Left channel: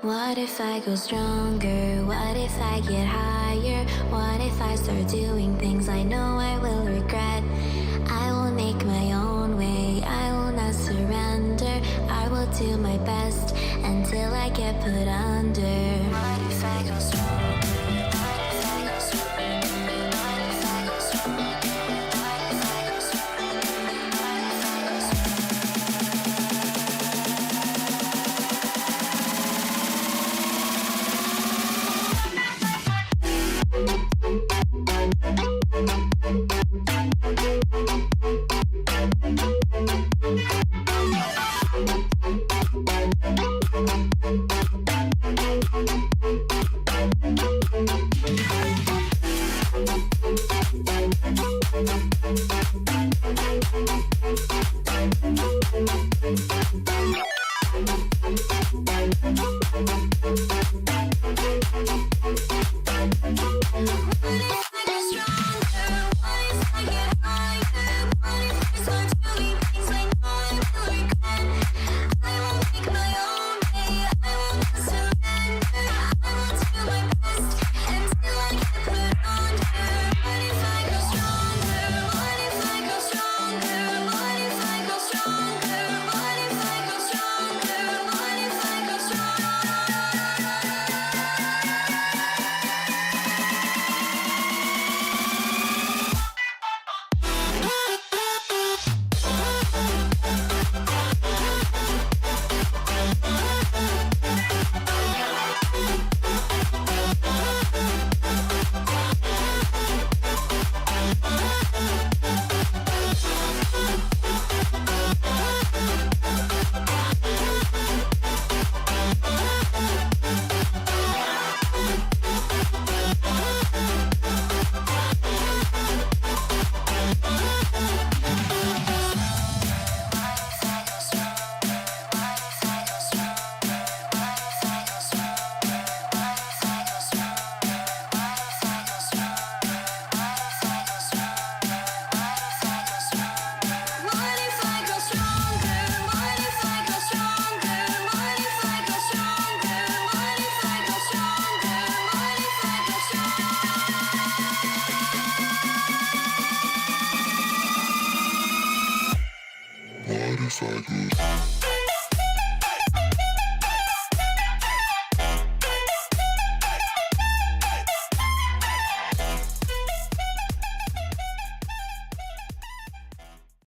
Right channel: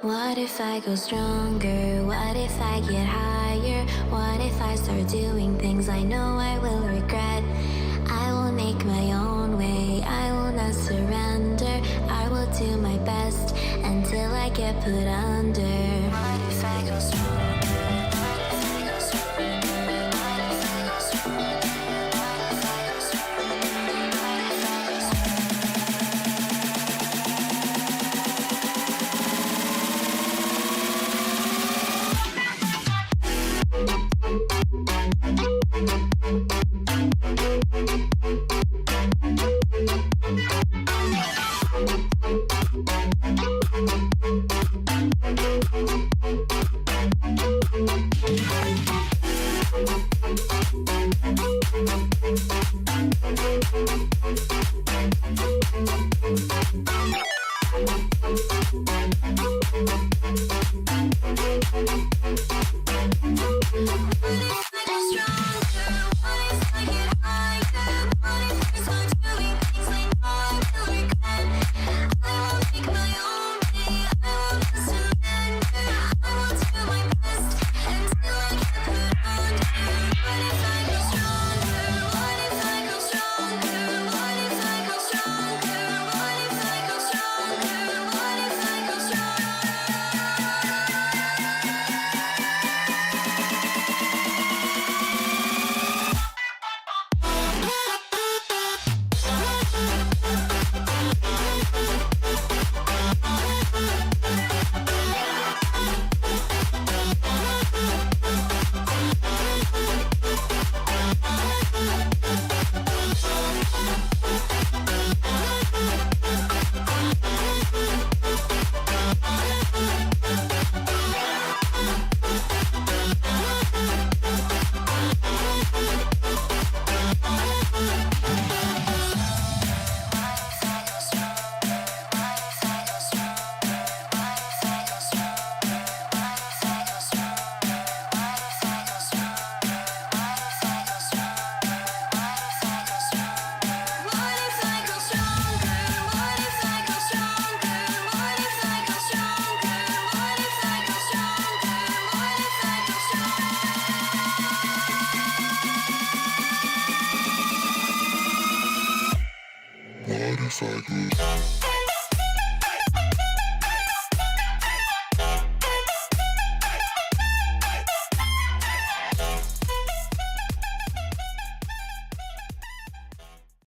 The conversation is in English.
What if I go stronger? What if I get higher? What if I start doing things I know I will regret? I will make my own way, I will not surrender. I will do my best until I get put under. What if I go stronger? What if I go stronger? What if I go stronger? What if I go stronger? What if I go What if I go?